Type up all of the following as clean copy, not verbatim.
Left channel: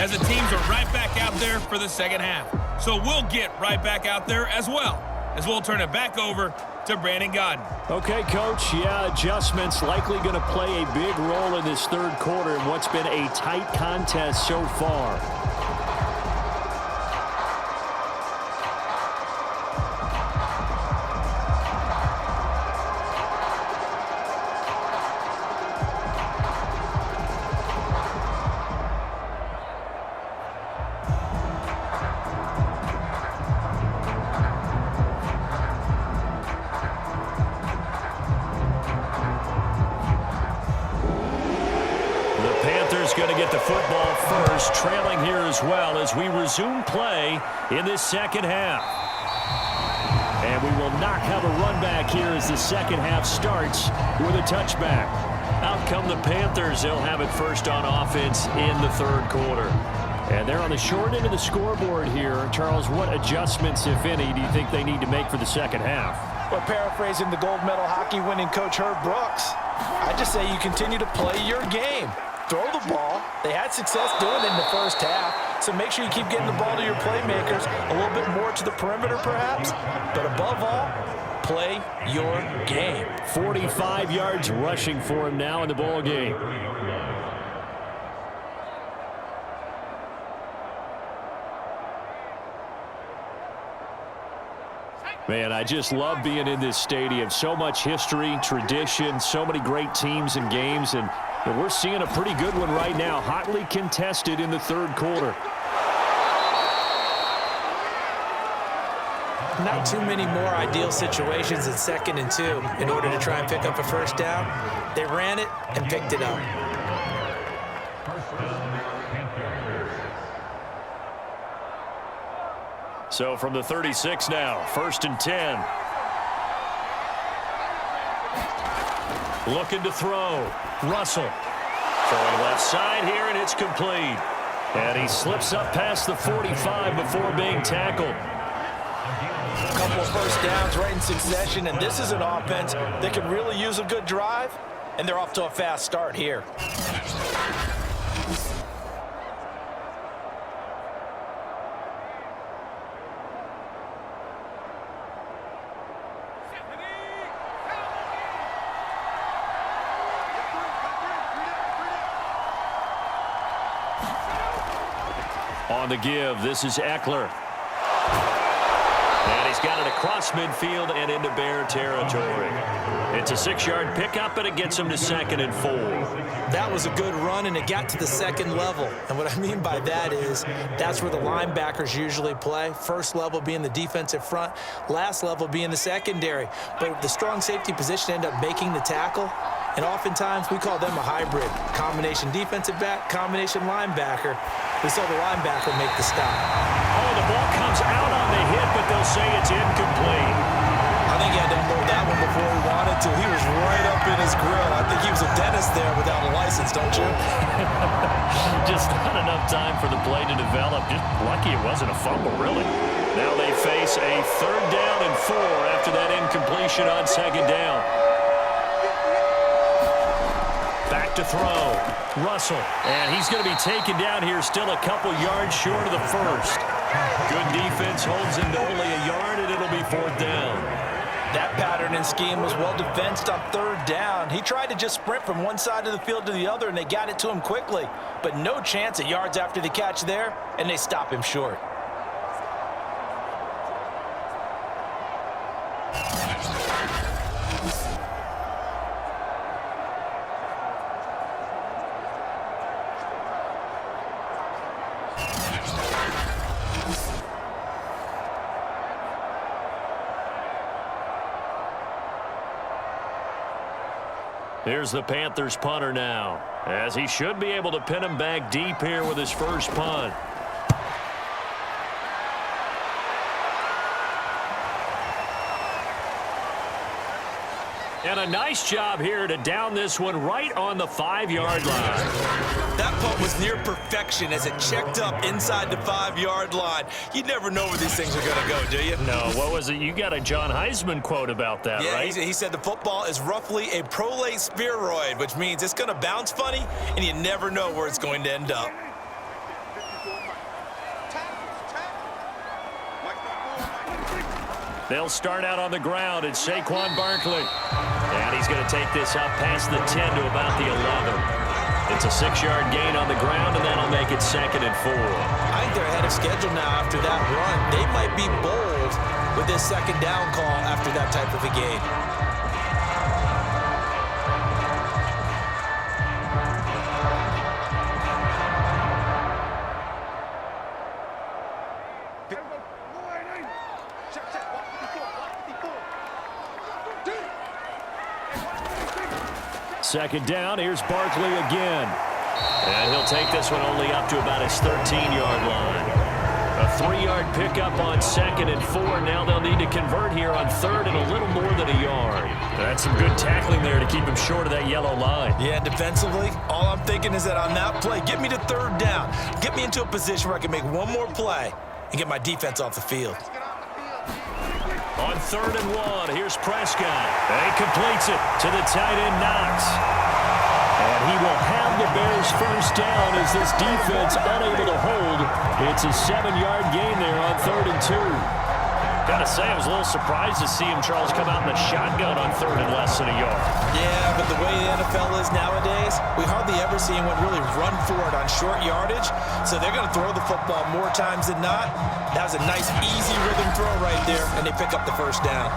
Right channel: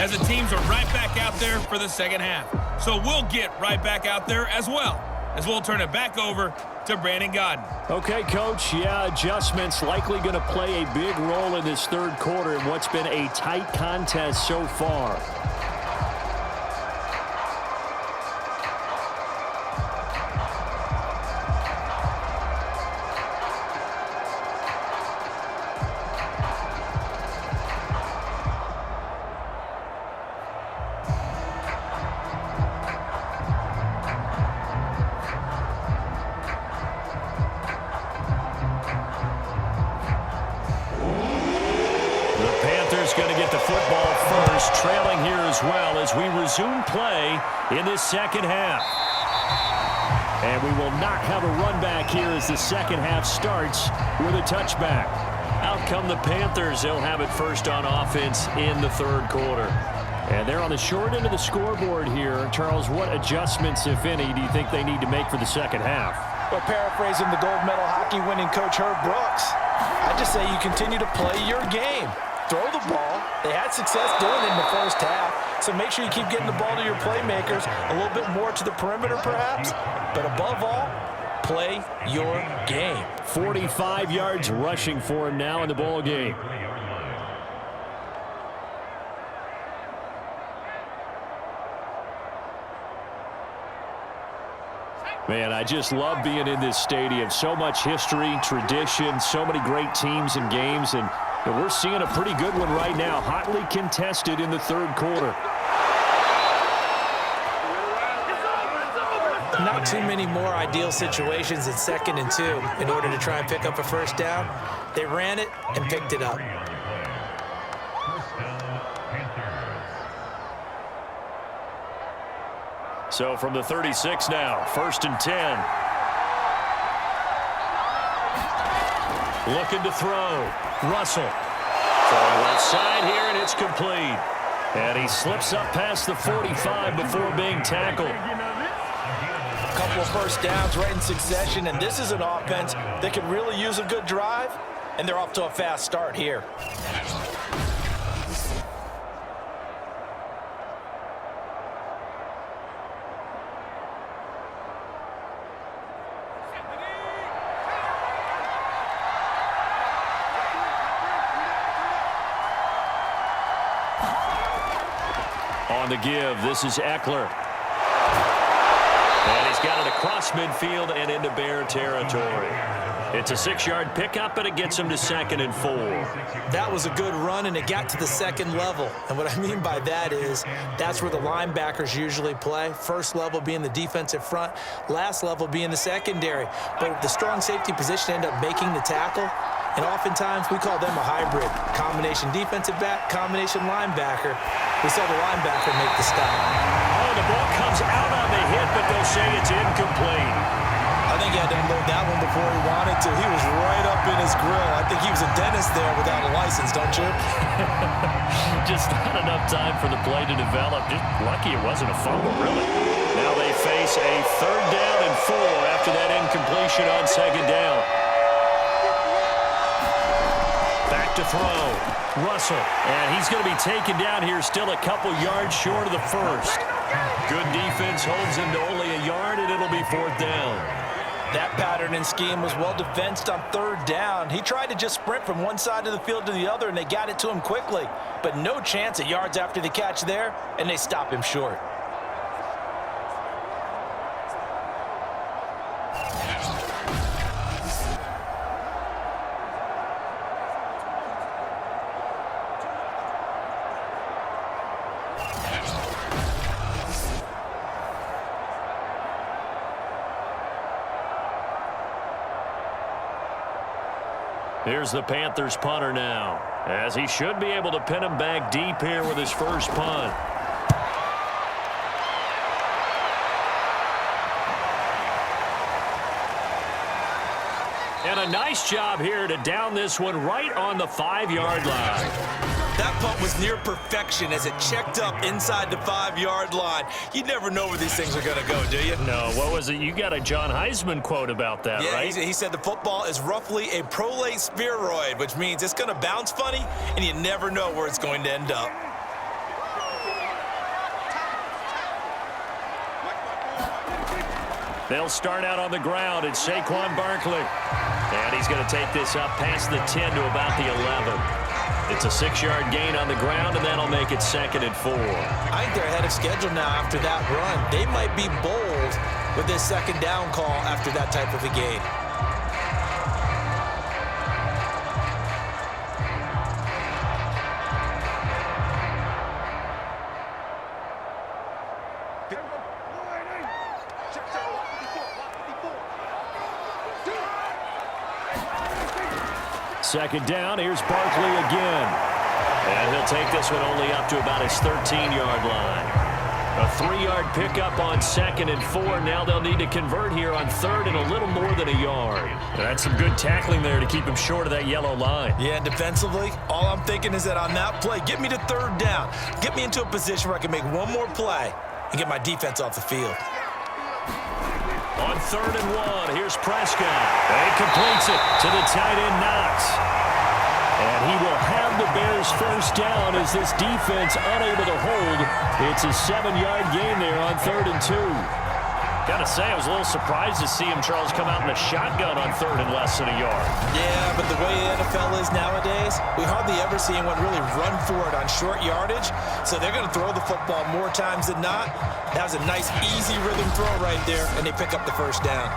as the teams are right back out there for the second half. So we'll get right back out there as well, as we'll turn it back over to Brandon Godden. Okay, Coach. Yeah, adjustments likely going to play a big role in this third quarter in what's been a tight contest so far. The Panthers going to get the football first, trailing here as well as we resume play in this second half. And we will not have a run back here as the second half starts with a touchback. Out come the Panthers. They'll have it first on offense in the third quarter. And they're on the short end of the scoreboard here. Charles, what adjustments, if any, do you think they need to make for the second half? Well, paraphrasing the gold medal hockey winning coach Herb Brooks, I just say you continue to play your game. Throw the ball. They had success doing it in the first half, so make sure you keep getting the ball to your playmakers, a little bit more to the perimeter perhaps, but above all, play your game. 45 yards rushing for him now in the ball game. Man, I just love being in this stadium. So much history, tradition, so many great teams and games, and we're seeing a pretty good one right now, hotly contested in the third quarter. Not too many more ideal situations in 2nd and 2 in order to try and pick up a first down. They ran it and picked it up. So from the 36 now, 1st and 10. Looking to throw. Russell. Throwing left side here, and it's complete. And he slips up past the 45 before being tackled. A couple of first downs right in succession, and this is an offense that could really use a good drive, and they're off to a fast start here. On the give, this is Eckler. And he's got it across midfield and into Bear territory. It's a 6-yard pickup, and it gets him to 2nd and 4. That was a good run, and it got to the second level. And what I mean by that is that's where the linebackers usually play. First level being the defensive front, last level being the secondary. But the strong safety position ended up making the tackle. And oftentimes we call them a hybrid. Combination defensive back, combination linebacker. We saw the linebacker make the stop. Oh, the ball comes out on the hit, but they'll say it's incomplete. I think he had to unload that one before he wanted to. He was right up in his grill. I think he was a dentist there without a license, don't you? Just not enough time for the play to develop. Just lucky it wasn't a fumble, really. Now they face a 3rd down and 4 after that incompletion on 2nd down. Back to throw. Russell. And he's going to be taken down here, still a couple yards short of the first. Good defense holds him to only a yard, and it'll be 4th down. That pattern and scheme was well defensed on 3rd down. He tried to just sprint from one side of the field to the other, and they got it to him quickly. But no chance at yards after the catch there, and they stop him short. Here's the Panthers punter now, as he should be able to pin him back deep here with his first punt. And a nice job here to down this one right on the 5-yard line. That punt was near perfection as it checked up inside the 5-yard line. You never know where these things are going to go, do you? No, what was it? You got a John Heisman quote about that, right? He said the football is roughly a prolate spheroid, which means it's going to bounce funny, and you never know where it's going to end up. They'll start out on the ground. It's Saquon Barkley. And he's going to take this up past the 10 to about the 11. It's a 6-yard gain on the ground, and that'll make it 2nd and 4. I think they're ahead of schedule now after that run. They might be bold with this 2nd down call after that type of a gain. Second down, here's Barkley again. And he'll take this one only up to about his 13-yard line. A 3-yard pickup on 2nd and 4. Now they'll need to convert here on 3rd and a little more than a yard. That's some good tackling there to keep him short of that yellow line. Yeah, and defensively, all I'm thinking is that on that play, get me to 3rd down. Get me into a position where I can make one more play and get my defense off the field. On 3rd and 1, here's Prescott. He completes it to the tight end, Knox. And he will have the Bears first down as this defense unable to hold. It's a 7-yard gain there on 3rd and 2. Gotta say, I was a little surprised to see him, Charles, come out in the shotgun on 3rd and less than a yard. Yeah, but the way the NFL is nowadays, we hardly ever see anyone really run for it on short yardage. So they're going to throw the football more times than not. That was a nice, easy rhythm throw right there, and they pick up the first down.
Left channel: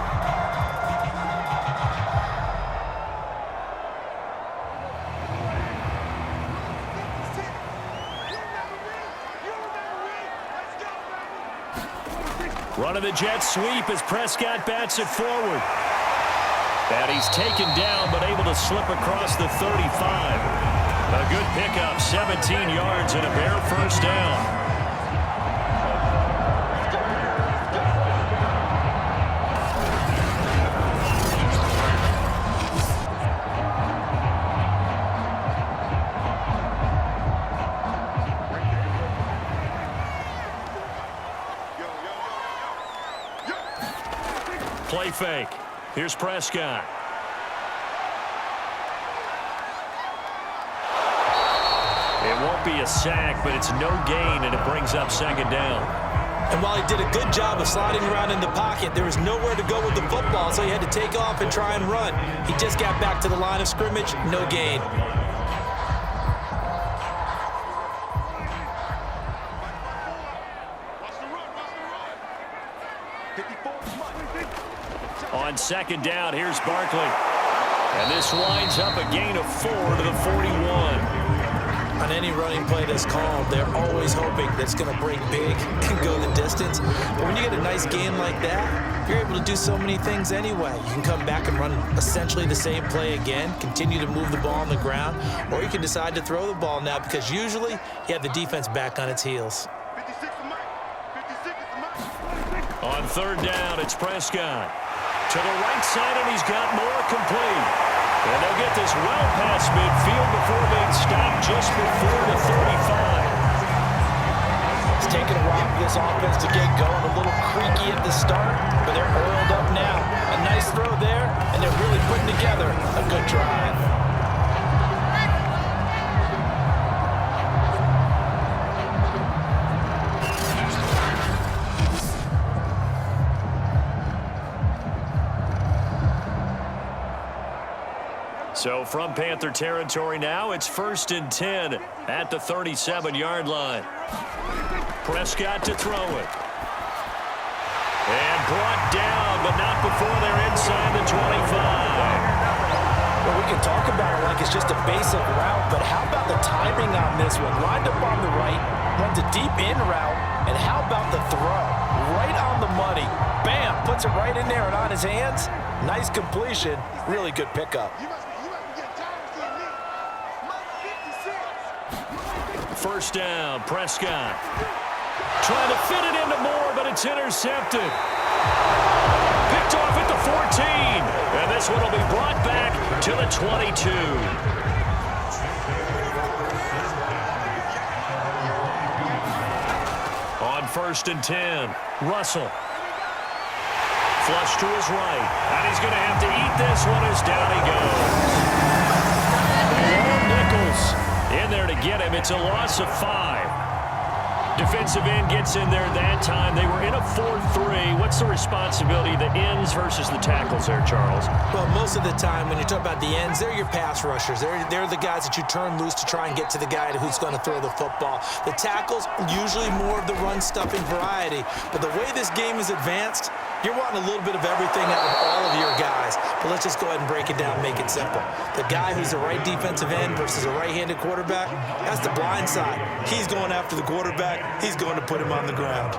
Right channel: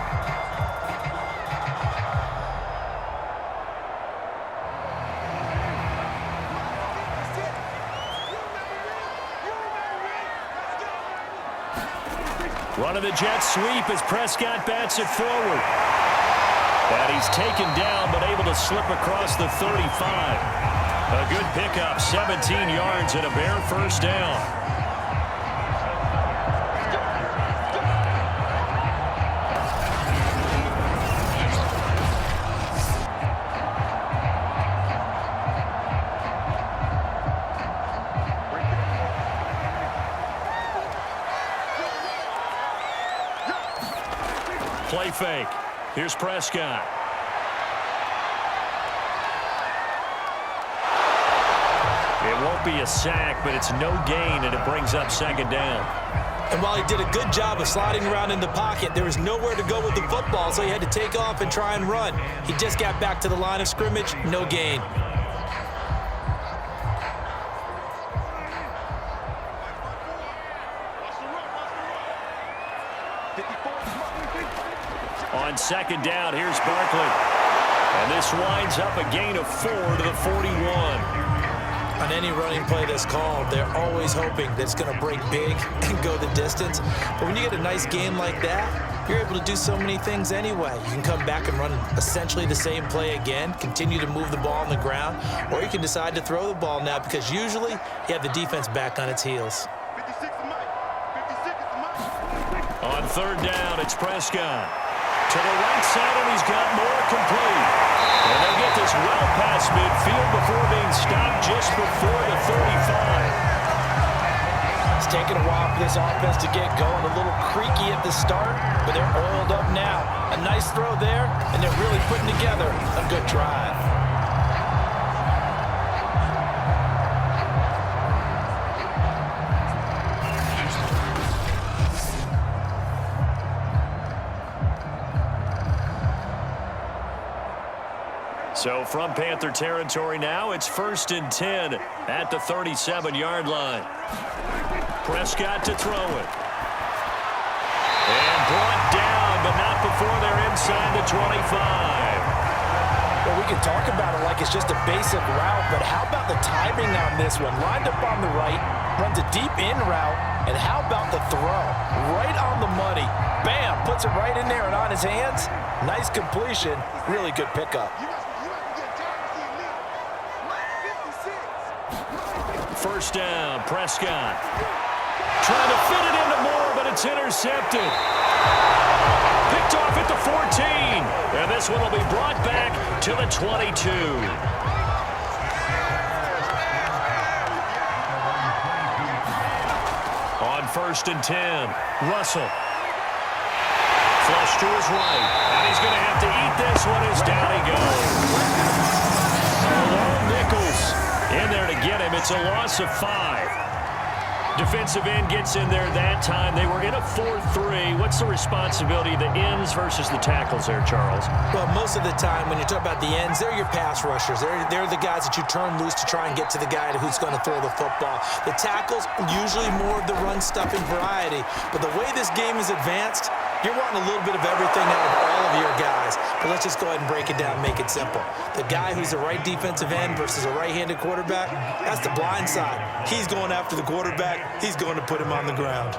Run of the jet sweep as Prescott bats it forward. And he's taken down but able to slip across the 35. A good pickup, 17 yards and a Bear first down. Play fake. Here's Prescott. It won't be a sack, but it's no gain, and it brings up 2nd down. And while he did a good job of sliding around in the pocket, there was nowhere to go with the football, so he had to take off and try and run. He just got back to the line of scrimmage, no gain. On 2nd down, here's Barkley. And this winds up a gain of 4 to the 41. On any running play that's called, they're always hoping that it's going to break big and go the distance. But when you get a nice gain like that, you're able to do so many things anyway. You can come back and run essentially the same play again, continue to move the ball on the ground, or you can decide to throw the ball now because usually you have the defense back on its heels. On 3rd down, it's Prescott. To the right side, and he's got more complete. And they'll get this well past midfield before being stopped just before the 35. It's taken a while for this offense to get going. A little creaky at the start, but they're oiled up now. A nice throw there, and they're really putting together a good drive. So from Panther territory now, it's 1st and 10 at the 37-yard line. Prescott to throw it. And brought down, but not before they're inside the 25. Well, we can talk about it like it's just a basic route, but how about the timing on this one? Lined up on the right, runs a deep in route, and how about the throw? Right on the money. Bam, puts it right in there and on his hands. Nice completion, really good pickup. First down, Prescott. Trying to fit it into Moore, but it's intercepted. Picked off at the 14. And this one will be brought back to the 22. On 1st and 10, Russell. Flush to his right. And he's going to have to eat this one as down he goes. Malone Nichols in there to get him. It's a loss of 5. Defensive end gets in there that time. They were in a 4-3. What's the responsibility of the ends versus the tackles there, Charles? Well, most of the time when you talk about the ends, they're your pass rushers. They're the guys that you turn loose to try and get to the guy who's going to throw the football. The tackles, usually more of the run-stuffing variety. But the way this game is advanced, you're wanting a little bit of everything out of all of your guys. But let's just go ahead and break it down and make it simple. The guy who's the right defensive end versus a right-handed quarterback, that's the blind side. He's going after the quarterback. He's going to put him on the ground.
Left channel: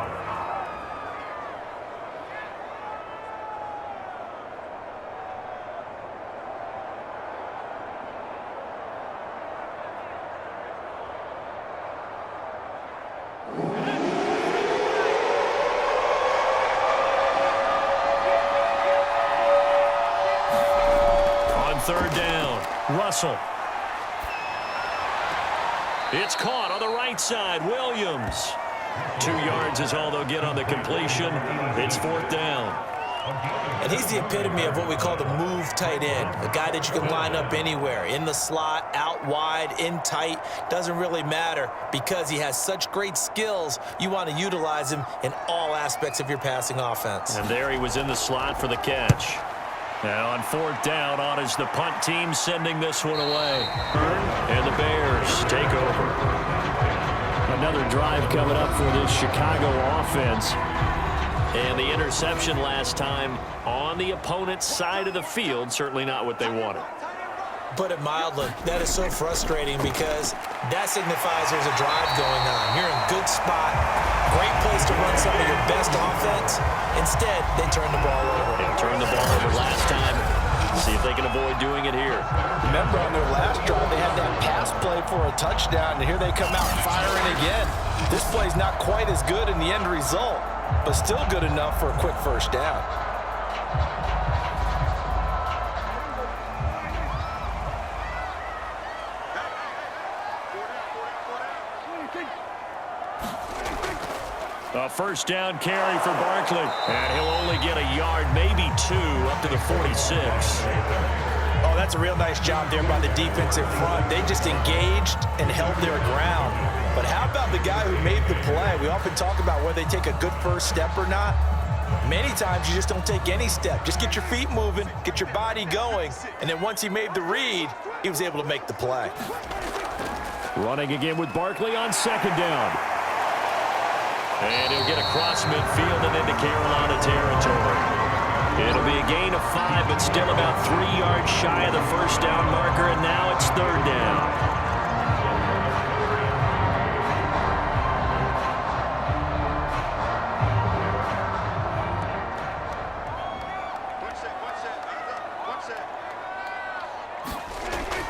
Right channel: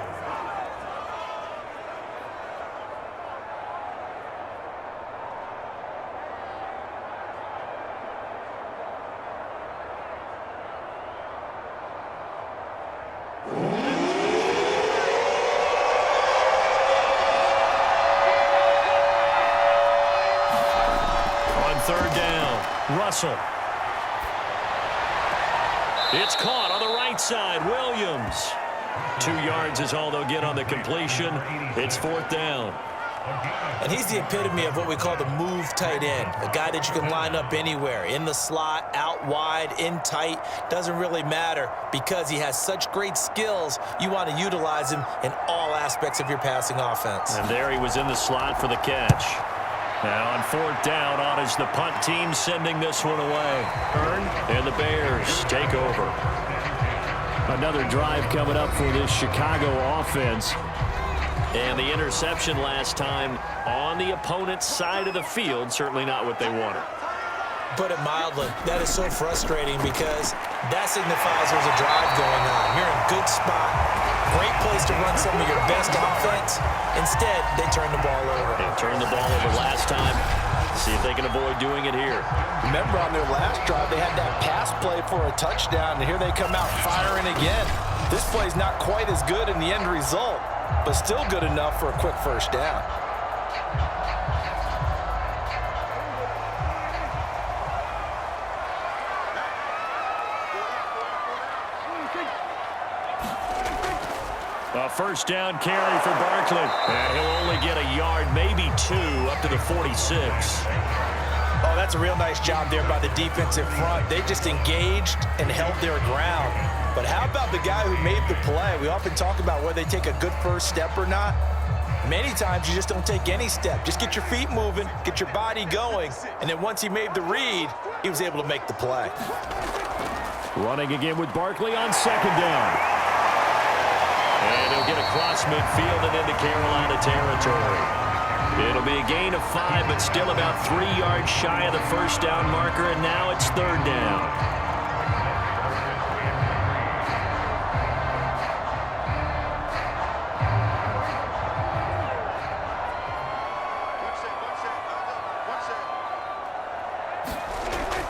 On third down, Russell. It's caught on the right side. Williams. 2 yards is all they'll get on the completion. It's fourth down. And he's the epitome of what we call the move tight end, a guy that you can line up anywhere, in the slot, out wide, in tight, doesn't really matter because he has such great skills. You want to utilize him in all aspects of your passing offense. And there he was in the slot for the catch. Now on fourth down, on is the punt team sending this one away. And the Bears take over. Another drive coming up for this Chicago offense. And the interception last time on the opponent's side of the field, certainly not what they wanted. Put it mildly, that is so frustrating because that signifies there's a drive going on. You're in good spot, great place to run some of your best offense. Instead, they turn the ball over. They turned the ball over last time. See if they can avoid doing it here. Remember on their last drive, they had that pass play for a touchdown, and here they come out firing again. This play's not quite as good in the end result, but still good enough for a quick first down. A first down carry for Barkley. And he'll only get a yard, maybe 2, up to the 46. Oh, that's a real nice job there by the defensive front. They just engaged and held their ground. But how about the guy who made the play? We often talk about whether they take a good first step or not. Many times you just don't take any step. Just get your feet moving, get your body going, and then once he made the read, he was able to make the play. Running again with Barkley on second down. And he'll get across midfield and into Carolina territory. It'll be a gain of 5, but still about 3 yards shy of the first down marker, and now it's third down.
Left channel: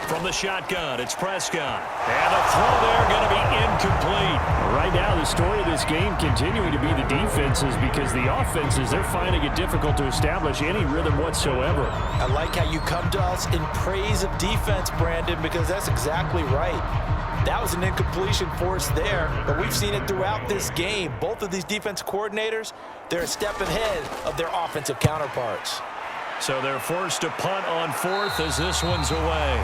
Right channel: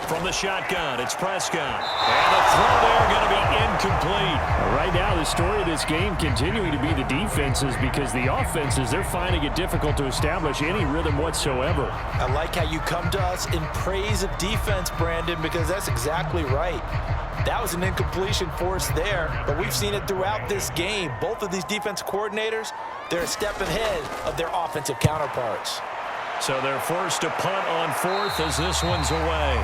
From the shotgun, it's Prescott. And the throw there going to be incomplete. Right now, the story of this game continuing to be the defenses because the offenses, they're finding it difficult to establish any rhythm whatsoever. I like how you come to us in praise of defense, Brandon, because that's exactly right. That was an incompletion force there, but we've seen it throughout this game. Both of these defense coordinators, they're a step ahead of their offensive counterparts. So they're forced to punt on fourth as this one's away.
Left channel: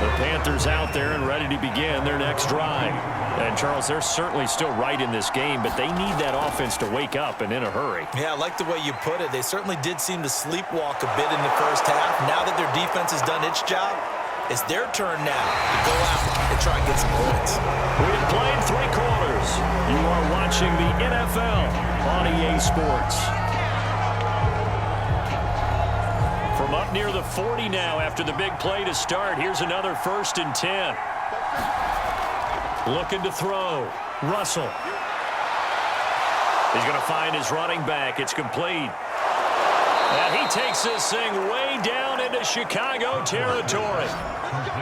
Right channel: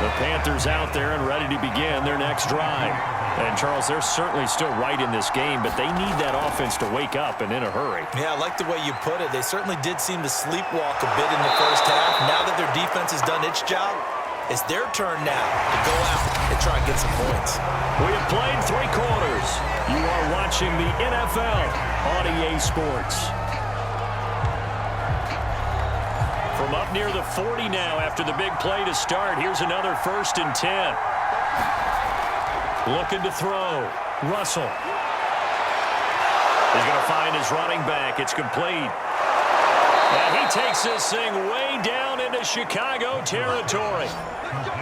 The Panthers out there and ready to begin their next drive. And, Charles, they're certainly still right in this game, but they need that offense to wake up and in a hurry. Yeah, I like the way you put it. They certainly did seem to sleepwalk a bit in the first half. Now that their defense has done its job, it's their turn now to go out and try and get some points. We have played 3 quarters. You are watching the NFL on EA Sports. From up near the 40 now after the big play to start. Here's another 1st and 10. Looking to throw. Russell. He's going to find his running back. It's complete. And he takes this thing way down into Chicago territory.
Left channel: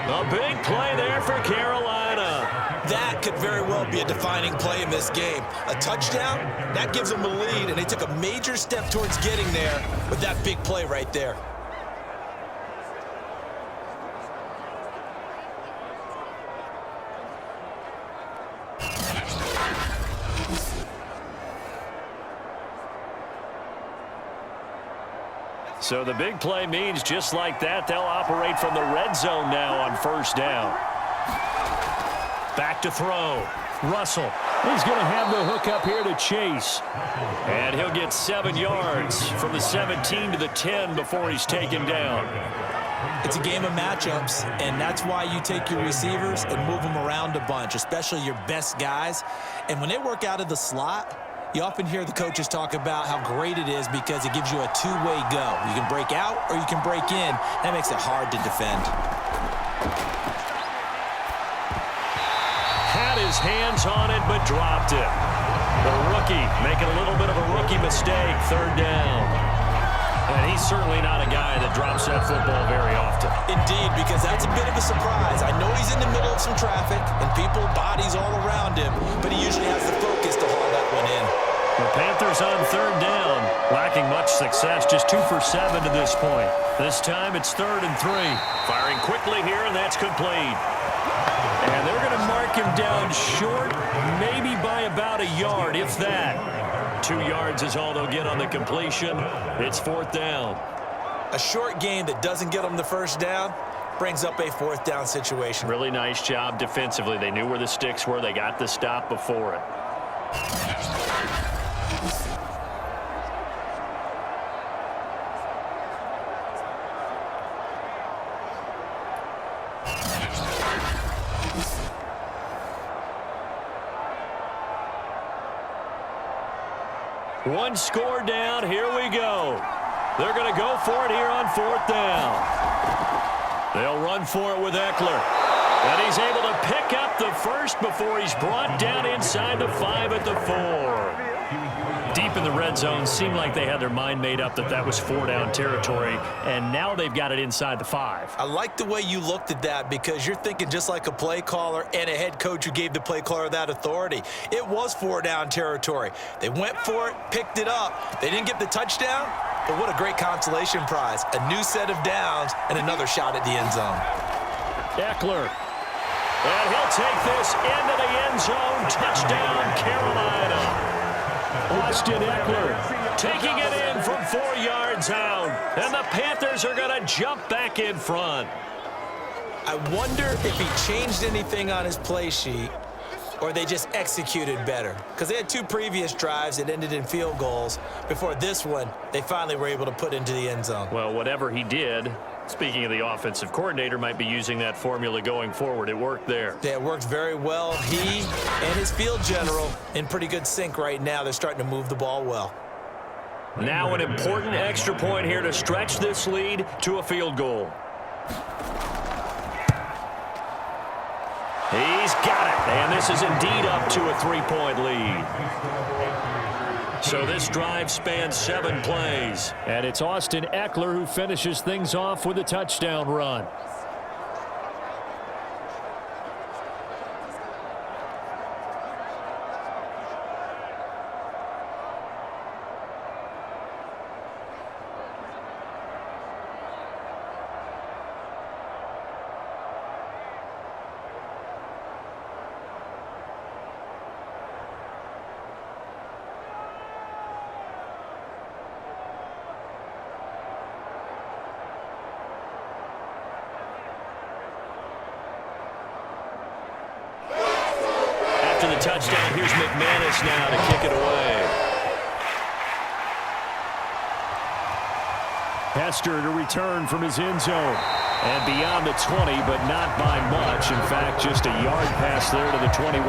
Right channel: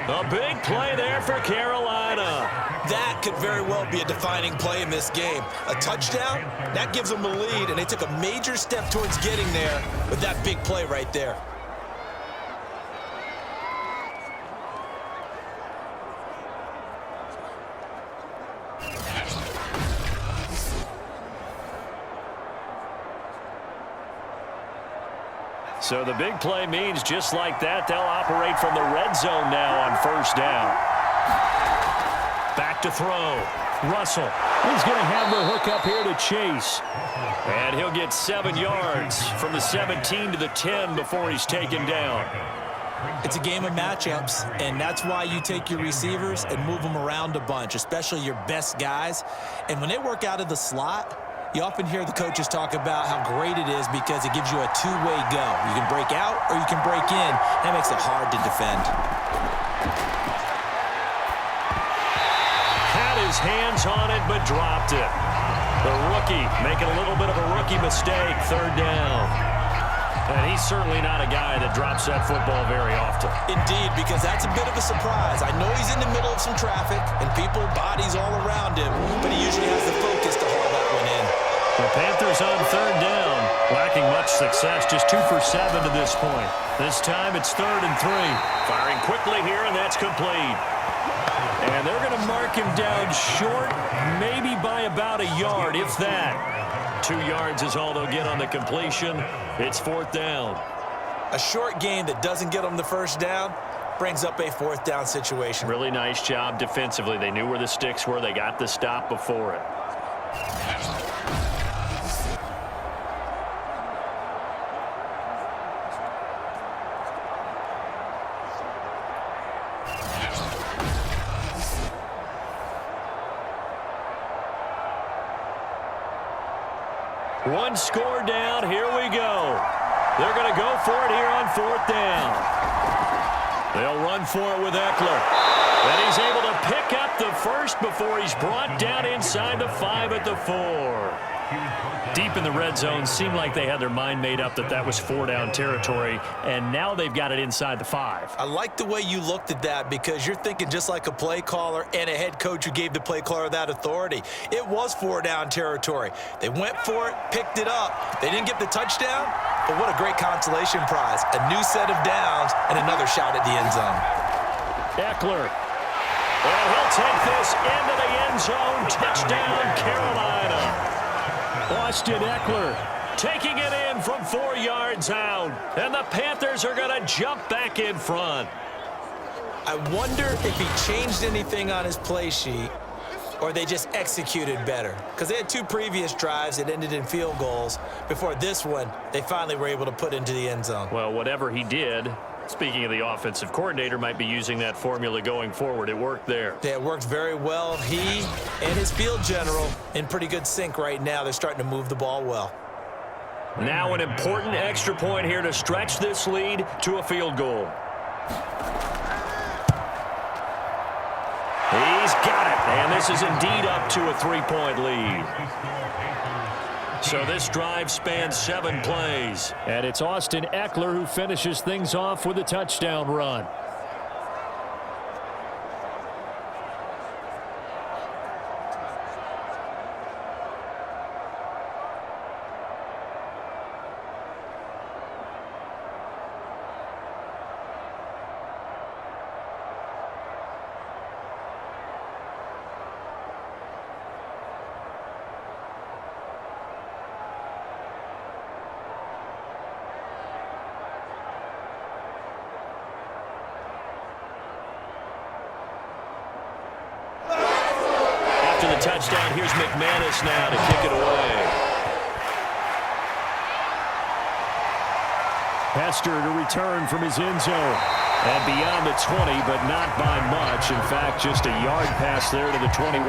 A big play there for Carolina. That could very well be a defining play in this game. A touchdown, that gives them a lead, and they took a major step towards getting there with that big play right there. So the big play means just like that, they'll operate from the red zone now on first down. Back to throw. Russell. He's going to have the hook up here to Chase. And he'll get 7 yards from the 17 to the 10 before he's taken down. It's a game of matchups, and that's why you take your receivers and move them around a bunch, especially your best guys. And when they work out of the slot, you often hear the coaches talk about how great it is because it gives you a two-way go. You can break out or you can break in. That makes it hard to defend. Had his hands on it, but dropped it. The rookie making a little bit of a rookie mistake, 3rd down. And he's certainly not a guy that drops that football very often. Indeed, because that's a bit of a surprise. I know he's in the middle of some traffic and people, bodies all around him, but he usually has the focus to haul that one in. The Panthers on 3rd down, lacking much success, just 2 for 7 to this point. This time it's 3rd and 3. Firing quickly here, and that's complete. And they're going to mark him down short, maybe by about a yard, if that. 2 yards is all they'll get on the completion. It's 4th down. A short game that doesn't get them the first down brings up a 4th down situation. Really nice job defensively. They knew where the sticks were. They got the stop before it. One score down. Here we go. They're going to go for it here on 4th down. They'll run for it with Eckler. And he's able to pick up the first before he's brought down inside the 5 at the 4. Deep in the red zone, seemed like they had their mind made up that was 4-down territory, and now they've got it inside the 5. I like the way you looked at that because you're thinking just like a play caller and a head coach who gave the play caller that authority. It was 4-down territory. They went for it, picked it up. They didn't get the touchdown, but what a great consolation prize. A new set of downs and another shot at the end zone. Eckler. And he'll take this into the end zone. Touchdown, Carolina. Austin Eckler taking it in from 4 yards out. And the Panthers are going to jump back in front. I wonder if he changed anything on his play sheet or they just executed better. Because they had 2 previous drives that ended in field goals. Before this one, they finally were able to put into the end zone. Well, whatever he did, speaking of the offensive coordinator, might be using that formula going forward. It worked there. Yeah, it worked very well. He and his field general in pretty good sync right now. They're starting to move the ball well. Now an important extra point here to stretch this lead to a field goal. He's got it, and this is indeed up to a 3-point lead. So this drive spans 7 plays. And it's Austin Eckler who finishes things off with a touchdown run. After the touchdown, here's McManus now to kick it away. Hester to return from his end zone. And beyond the 20, but not by much. In fact, just a yard pass there to the 21.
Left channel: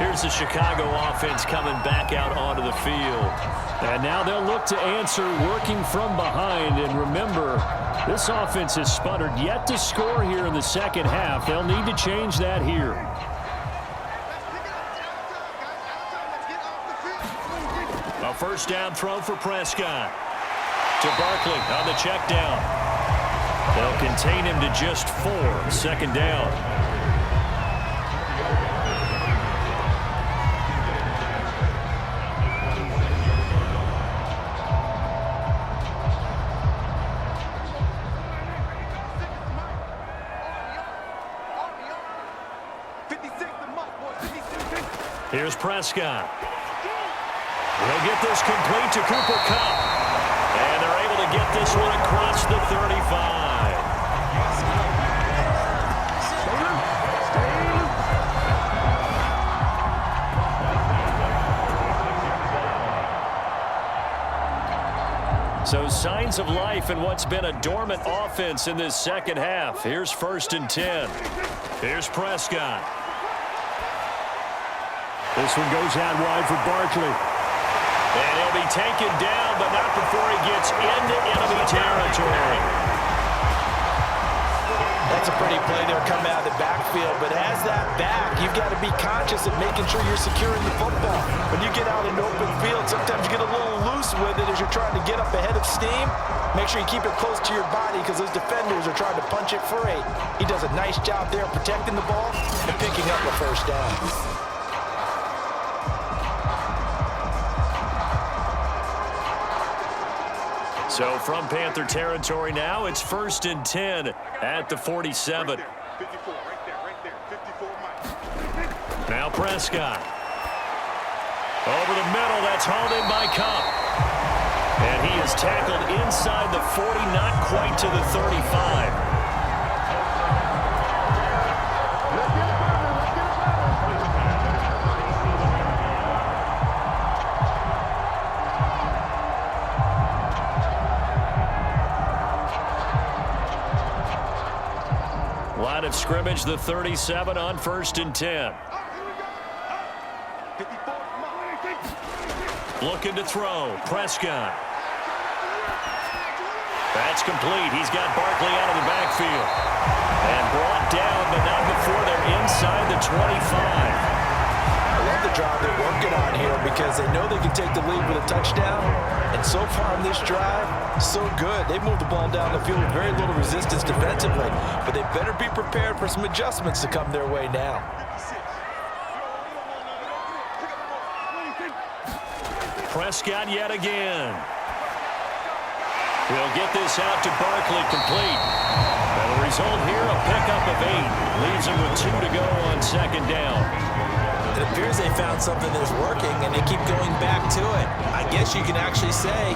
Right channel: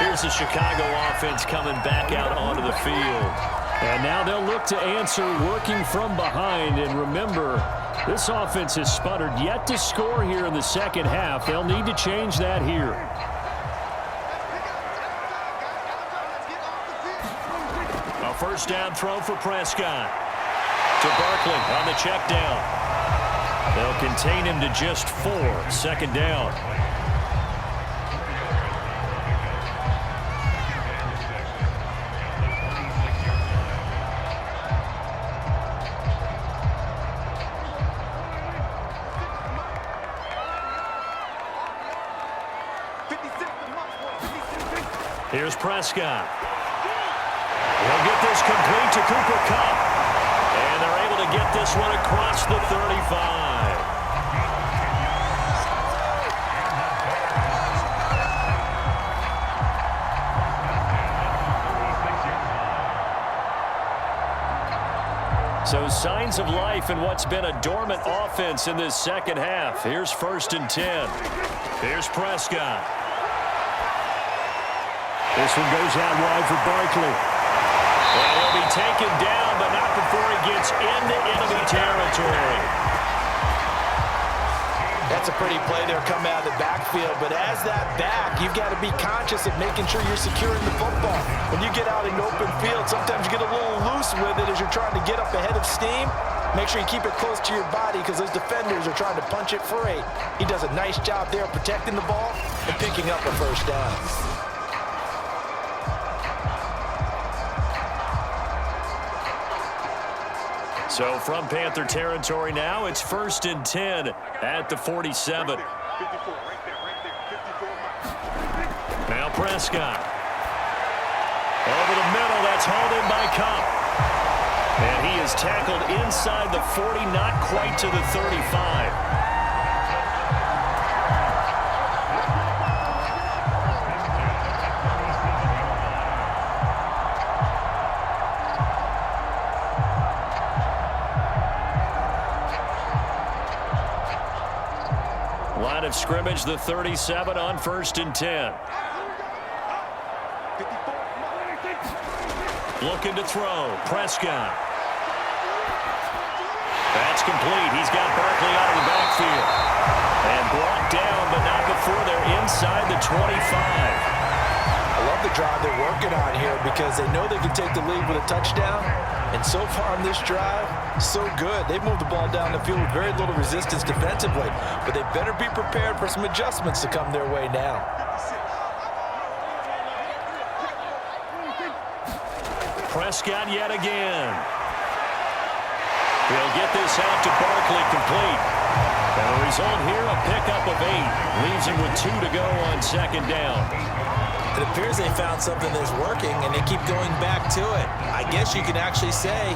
Here's the Chicago offense coming back out onto the field. And now they'll look to answer working from behind. And remember, this offense has sputtered yet to score here in the second half. They'll need to change that here. A first down throw for Prescott. To Barkley on the check down. They'll contain him to just 4. Second down. Here's Prescott. He'll get this complete to Cooper Kupp. And they're able to get this one across the 35. So signs of life in what's been a dormant offense in this second half. Here's 1st and 10. Here's Prescott. This one goes out wide for Barkley. And he'll be taken down, but not before he gets into enemy territory. That's a pretty play there coming out of the backfield, but as that back, you've got to be conscious of making sure you're securing the football. When you get out in open field, sometimes you get a little loose with it as you're trying to get up ahead of steam. Make sure you keep it close to your body because those defenders are trying to punch it free. He does a nice job there protecting the ball and picking up a first down. So from Panther territory now, it's 1st and 10 at the 47. Now Prescott. Over the middle, that's hauled in by Cup. And he is tackled inside the 40, not quite to the 35. Line of scrimmage, the 37 on 1st and 10. Looking to throw. Prescott. That's complete. He's got Barkley out of the backfield. And brought down, but not before they're inside the 25. I love the drive they're working on here because they know they can take the lead with a touchdown. And so far on this drive, so good. They've moved the ball down the field with very little resistance defensively, but they better be prepared for some adjustments to come their way now. Prescott yet again. He'll get this out to Barkley, complete. And the result here, a pickup of 8. Leaves him with 2 to go on 2nd down. It appears they found something that's working, and they keep going back to it. I guess you can actually say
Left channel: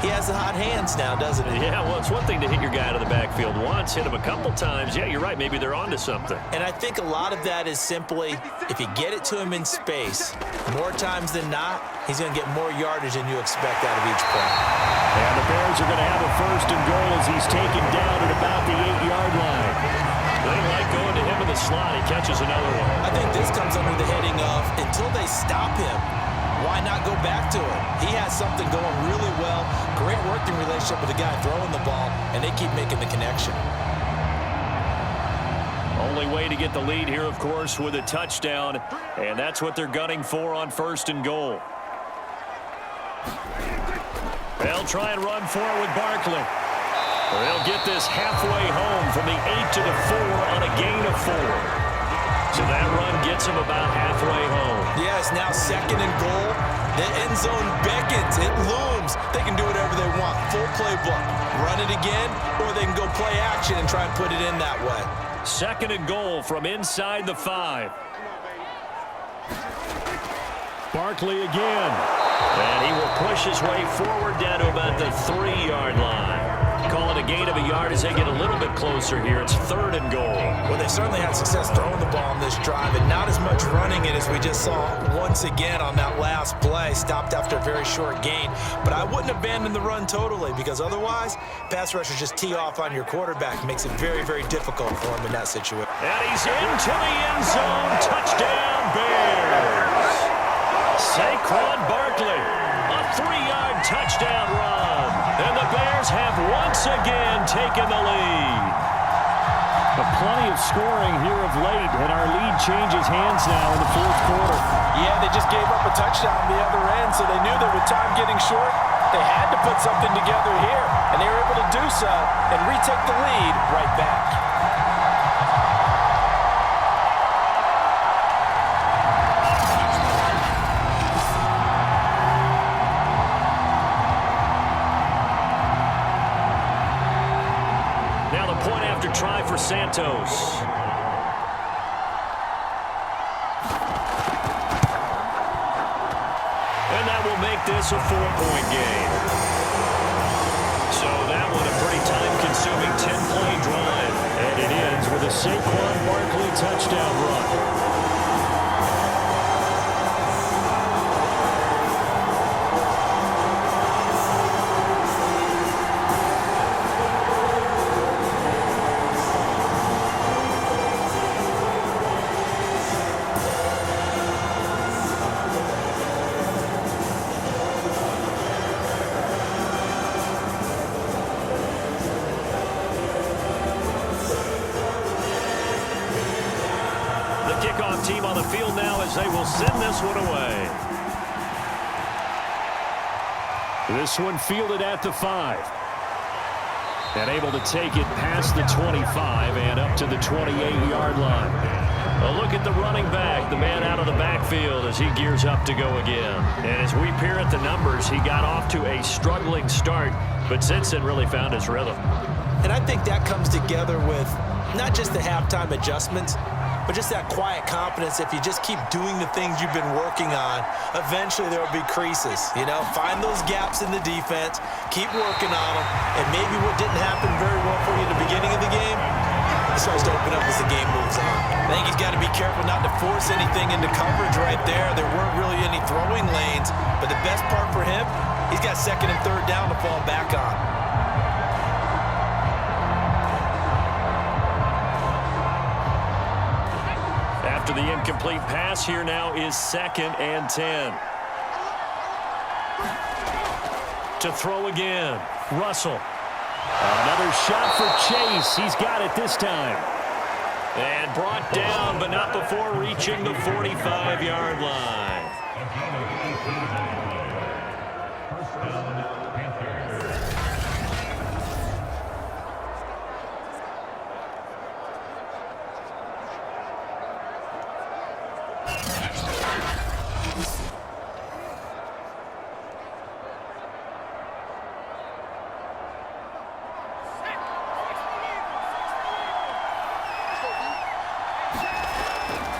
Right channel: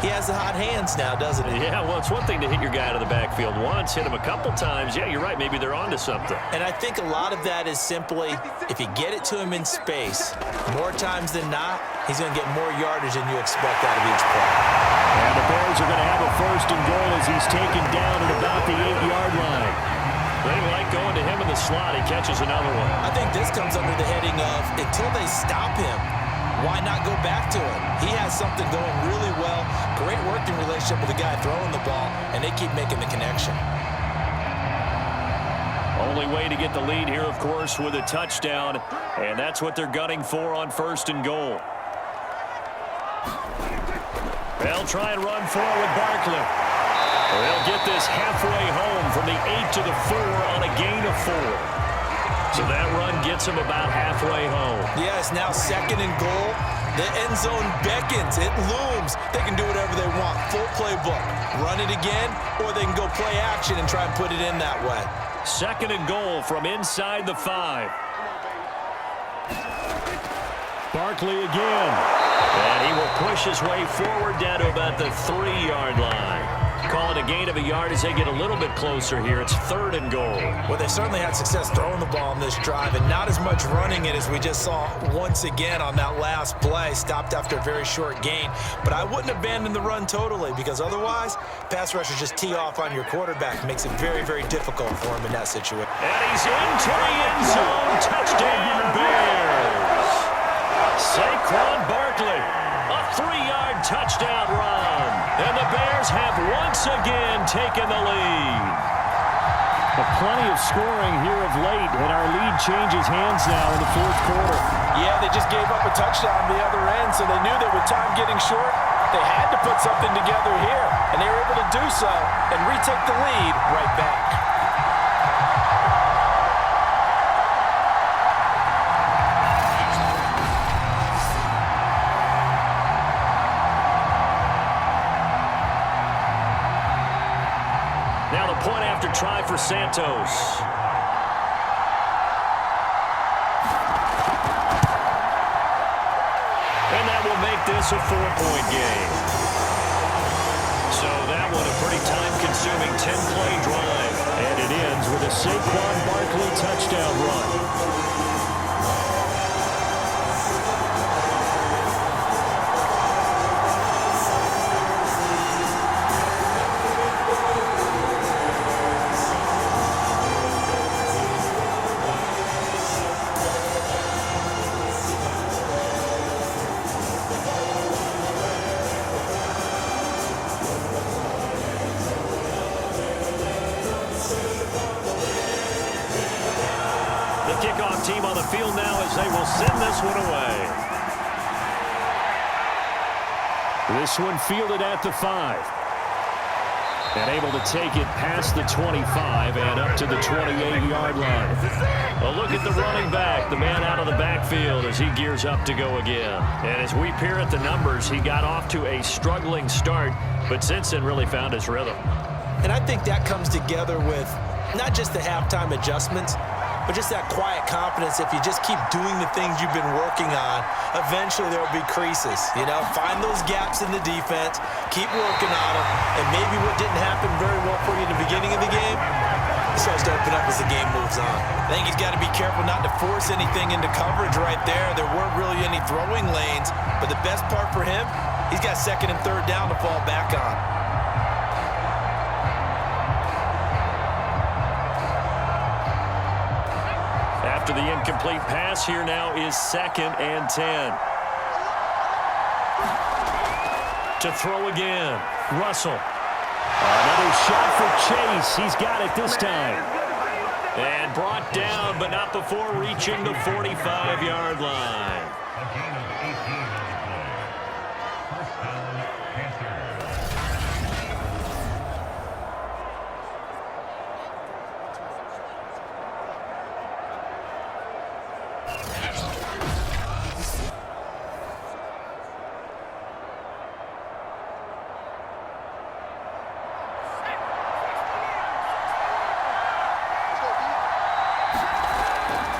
he has the hot hands now, doesn't he? Yeah, well, it's one thing to hit your guy out of the backfield once, hit him a couple times. Yeah, you're right. Maybe they're onto something. And I think a lot of that is simply if you get it to him in space, more times than not, he's going to get more yardage than you expect out of each play. And the Bears are going to have a 1st and goal as he's taken down at about the 8-yard line. They like going to him in the slot. He catches another one. I think this comes under the heading of until they stop him, why not go back to it? He has something going really well. Great working relationship with the guy throwing the ball, and they keep making the connection. Only way to get the lead here, of course, with a touchdown, and that's what they're gunning for on 1st and goal. They'll try and run for it with Barkley. They'll get this halfway home from the 8 to the 4 on a gain of 4. So that run gets them about halfway home. Yeah, it's now 2nd and goal. The end zone beckons. It looms. They can do whatever they want. Full playbook. Run it again, or they can go play action and try and put it in that way. 2nd and goal from inside the 5. Barkley again. And he will push his way forward down to about the 3-yard line. Call it a gain of a yard as they get a little bit closer here. It's 3rd and goal. Well, they certainly had success throwing the ball on this drive and not as much running it as we just saw once again on that last play. Stopped after a very short gain. But I wouldn't abandon the run totally because otherwise, pass rushers just tee off on your quarterback. Makes it very, very difficult for him in that situation. And he's into the end zone. Touchdown, Bears. Saquon Barkley. A 3-yard touchdown run. And the Bears have once again taken the lead. Plenty of scoring here of late, and our lead changes hands now in the 4th quarter. Yeah, they just gave up a touchdown the other end, so they knew that with time getting short, they had to put something together here. And they were able to do so and retake the lead right back. Now the point after try for Santos. And that will make this a 4-point game. So that one a pretty time-consuming 10-play drive. And it ends with a Saquon Barkley touchdown run. The kickoff team on the field now as they will send this one away. This one fielded at the 5. And able to take it past the 25 and up to the 28-yard line. A look at the running back, the man out of the backfield as he gears up to go again. And as we peer at the numbers, he got off to a struggling start, but since then really found his rhythm. And I think that comes together with not just the halftime adjustments, but just that quiet confidence. If you just keep doing the things you've been working on, eventually there will be creases. You know, find those gaps in the defense, keep working on them, and maybe what didn't happen very well for you at the beginning of the game, it starts to open up as the game moves on. I think he's got to be careful not to force anything into coverage right there. There weren't really any throwing lanes, but the best part for him, he's got second and third down to fall back on. After the incomplete pass, here now is 2nd and 10. To throw again, Russell. Another shot for Chase. He's got it this time. And brought down, but not before reaching the 45-yard line.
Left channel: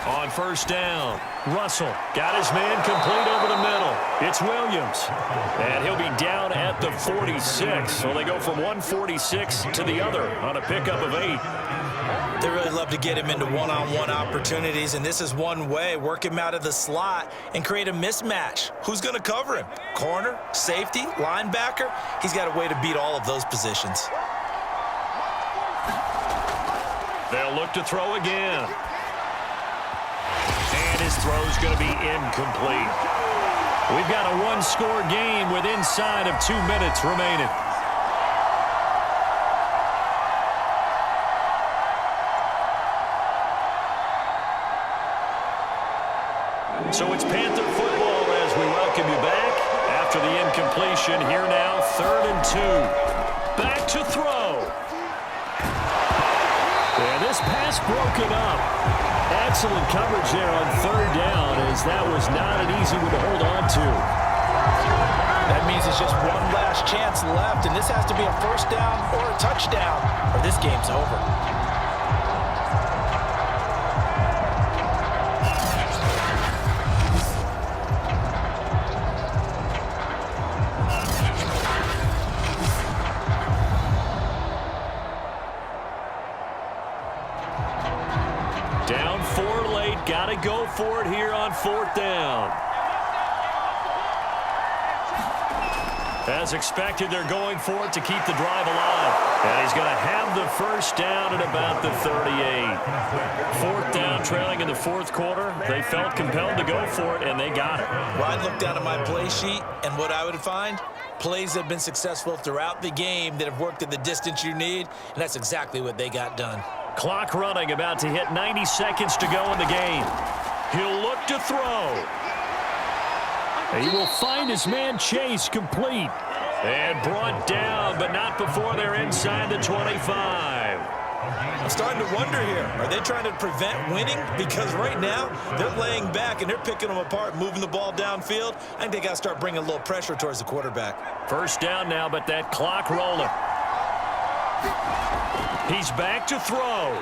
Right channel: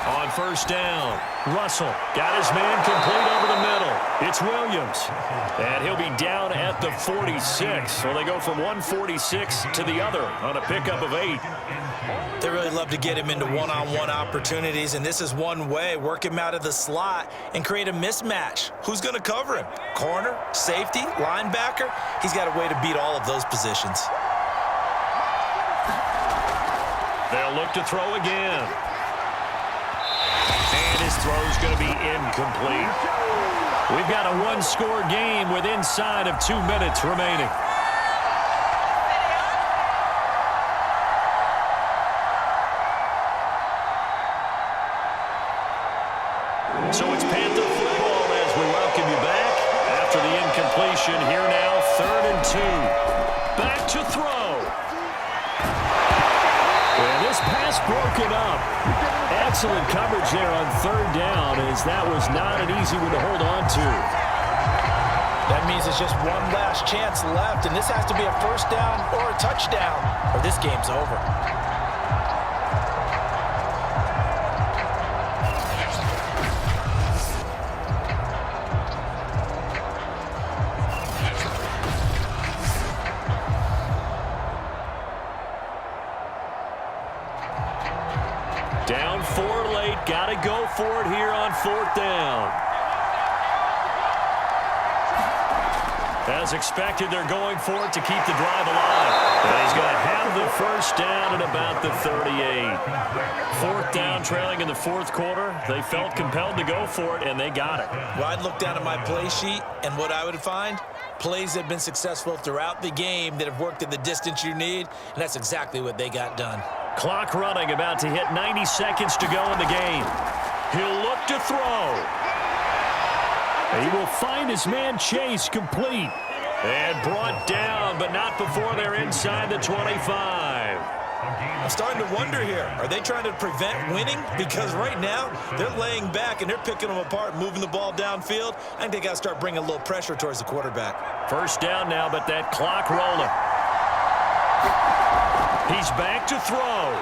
On first down, Russell got his man complete over the middle. It's Williams. And he'll be down at the 46. So they go from 146 to the other on a pickup of 8. They really love to get him into one-on-one opportunities, and this is one way. Work him out of the slot and create a mismatch. Who's going to cover him? Corner, safety, linebacker? He's got a way to beat all of those positions. They'll look to throw again. And his throw's going to be incomplete. We've got a one-score game with inside of 2 minutes remaining. So it's Panther football as we welcome you back after the incompletion. Here now, 3rd and 2. Back to throw. And this pass broken up. Excellent coverage there on 3rd down, as that was not an easy one to hold on to. That means it's just one last chance left, and this has to be a first down or a touchdown, or this game's over. Down 4 late. Got to go for it here on 4th down. As expected, they're going for it to keep the drive alive. And he's going to have the first down at about the 38. 4th down, trailing in the 4th quarter. They felt compelled to go for it, and they got it. Well, I'd look down at my play sheet, and what I would find, plays that have been successful throughout the game that have worked at the distance you need, and that's exactly what they got done. Clock running, about to hit 90 seconds to go in the game. He'll look to throw. He will find his man Chase complete. And brought down, but not before they're inside the 25. I'm starting to wonder here, are they trying to prevent winning? Because right now, they're laying back and they're picking them apart, moving the ball downfield. I think they got to start bringing a little pressure towards the quarterback. First down now, but that clock rolling. He's back to throw.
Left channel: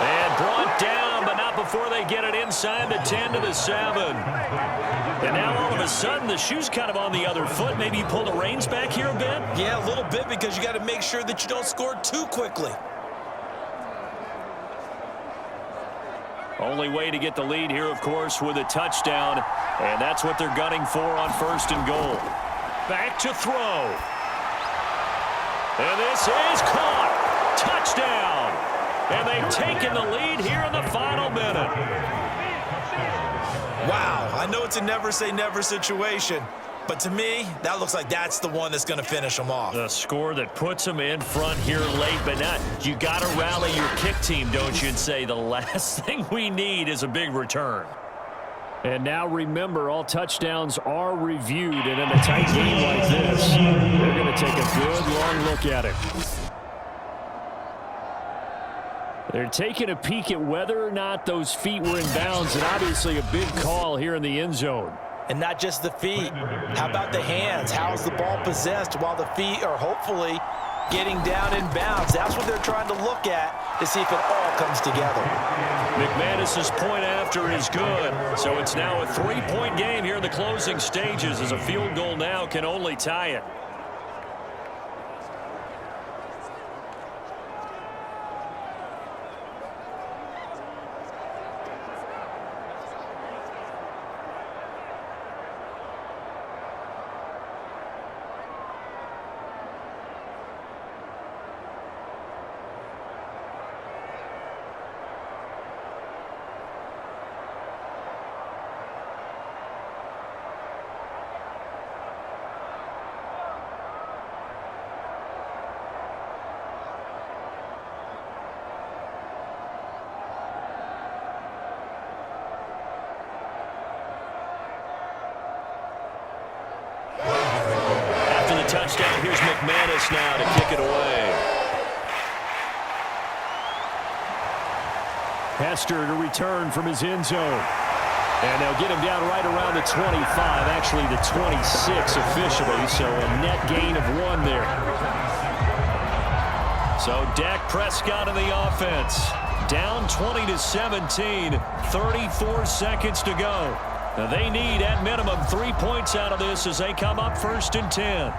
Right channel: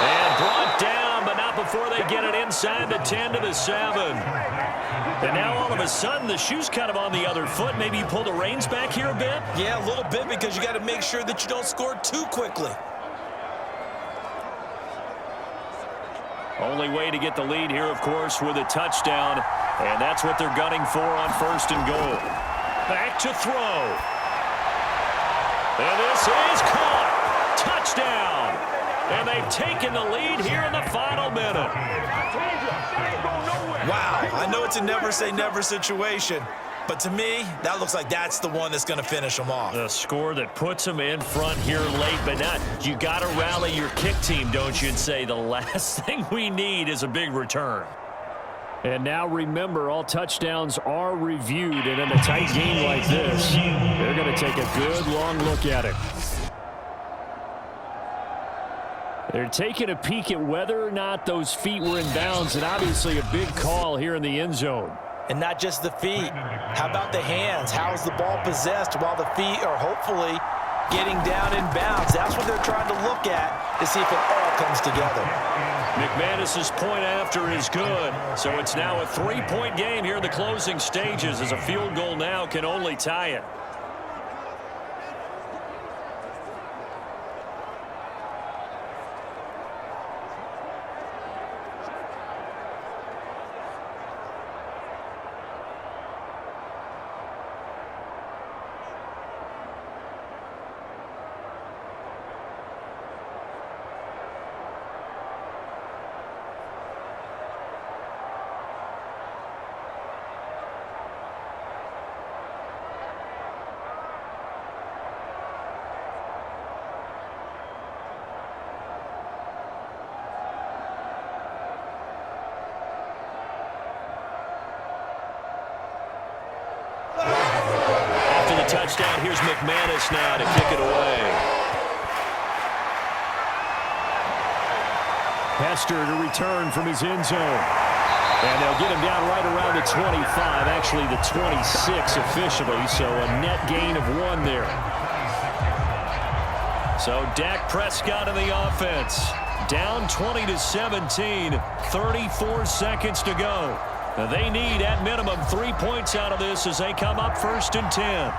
And brought down, but not before they get it inside the 10 to the 7. And now all of a sudden, the shoe's kind of on the other foot. Maybe you pull the reins back here a bit? Yeah, a little bit, because you got to make sure that you don't score too quickly. Only way to get the lead here, of course, with a touchdown. And that's what they're gunning for on 1st and goal. Back to throw. And this is caught. Touchdown. And they've taken the lead here in the final minute. Wow, I know it's a never say never situation, But to me, that looks like that's the one that's going to finish them off. The score that puts them in front here late, but not. You got to rally your kick team, don't you, and say the last thing we need is a big return. And now remember, all touchdowns are reviewed, and in a tight game like this, they're going to take a good long look at it. They're taking a peek at whether or not those feet were in bounds, and obviously a big call here in the end zone. And not just the feet. How about the hands? How is the ball possessed while the feet are hopefully getting down in bounds? That's what they're trying to look at to see if it all comes together. McManus's point after is good. So it's now a 3-point game here in the closing stages, as a field goal now can only tie it. Touchdown. Here's McManus now to kick it away. Hester to return from his end zone. And they'll get him down right around the 25, actually the 26 officially, so a net gain of 1 there. So Dak Prescott in the offense. Down 20-17, 34 seconds to go. Now they need, at minimum, 3 points out of this as they come up 1st and 10.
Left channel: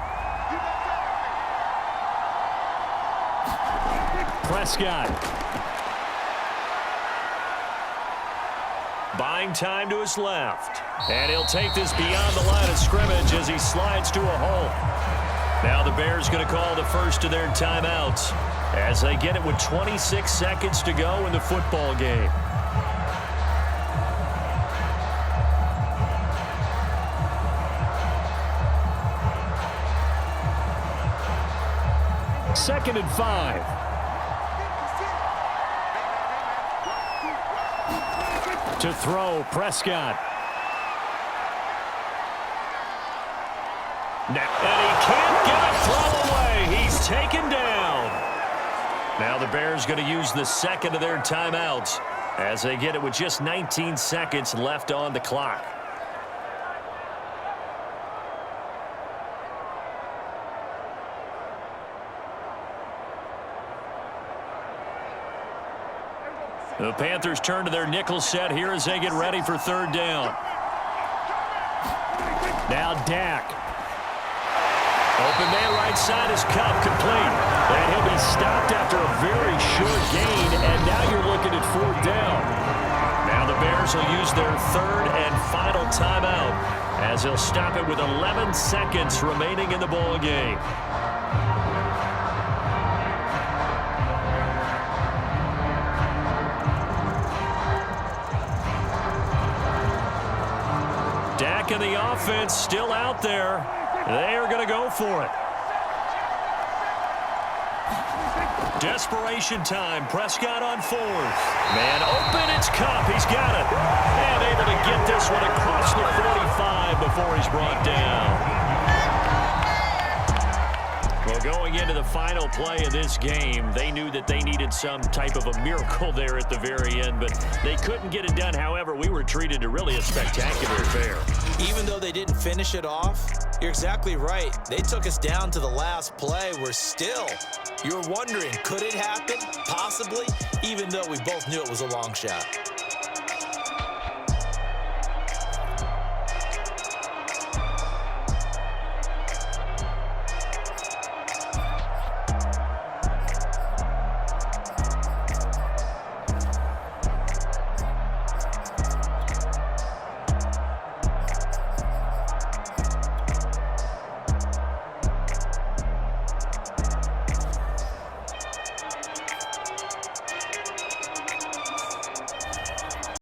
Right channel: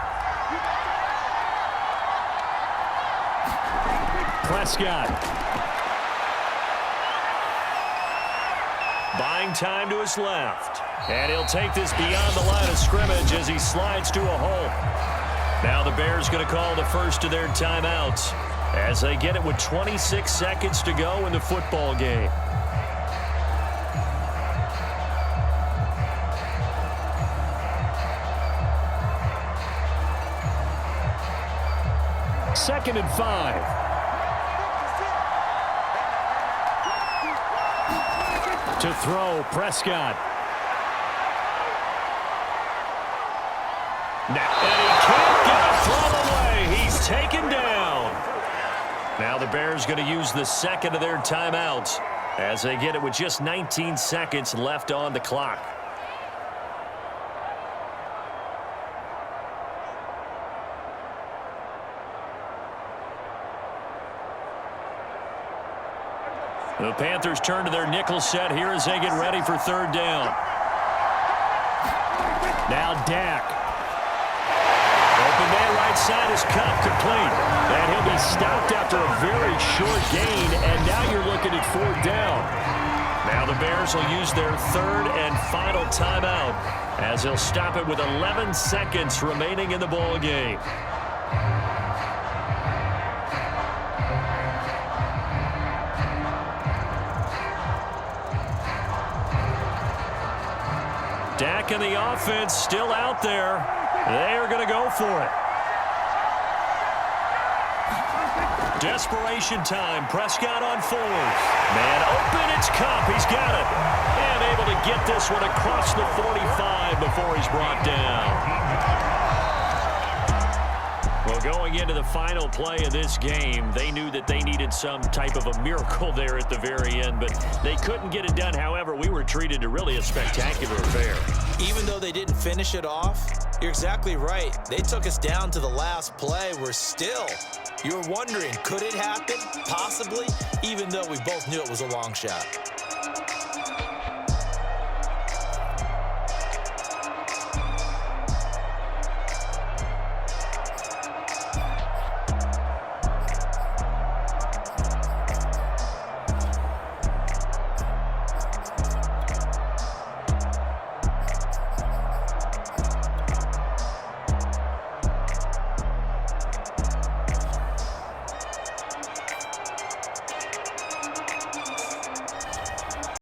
Prescott. Buying time to his left. And he'll take this beyond the line of scrimmage as he slides to a hole. Now the Bears going to call the first of their timeouts as they get it with 26 seconds to go in the football game. Second and 5. To throw, Prescott. And he can't get a throw away. He's taken down. Now the Bears going to use the second of their timeouts as they get it with just 19 seconds left on the clock. The Panthers turn to their nickel set here as they get ready for 3rd down. Now Dak. Open man right side is Cup, complete. And he'll be stopped after a very short gain, and now you're looking at 4th down. Now the Bears will use their 3rd and final timeout as they'll stop it with 11 seconds remaining in the ball game. Dak and the offense still out there. They are going to go for it. Desperation time. Prescott on 4th. Man open. It's Cup. He's got it. And able to get this one across the 45 before he's brought down. Well, going into the final play of this game, they knew that they needed some type of a miracle there at the very end, but they couldn't get it done. However, we were treated to really a spectacular affair. Even though they didn't finish it off, you're exactly right. They took us down to the last play. We're still, you're wondering, could it happen? Possibly, even though we both knew it was a long shot.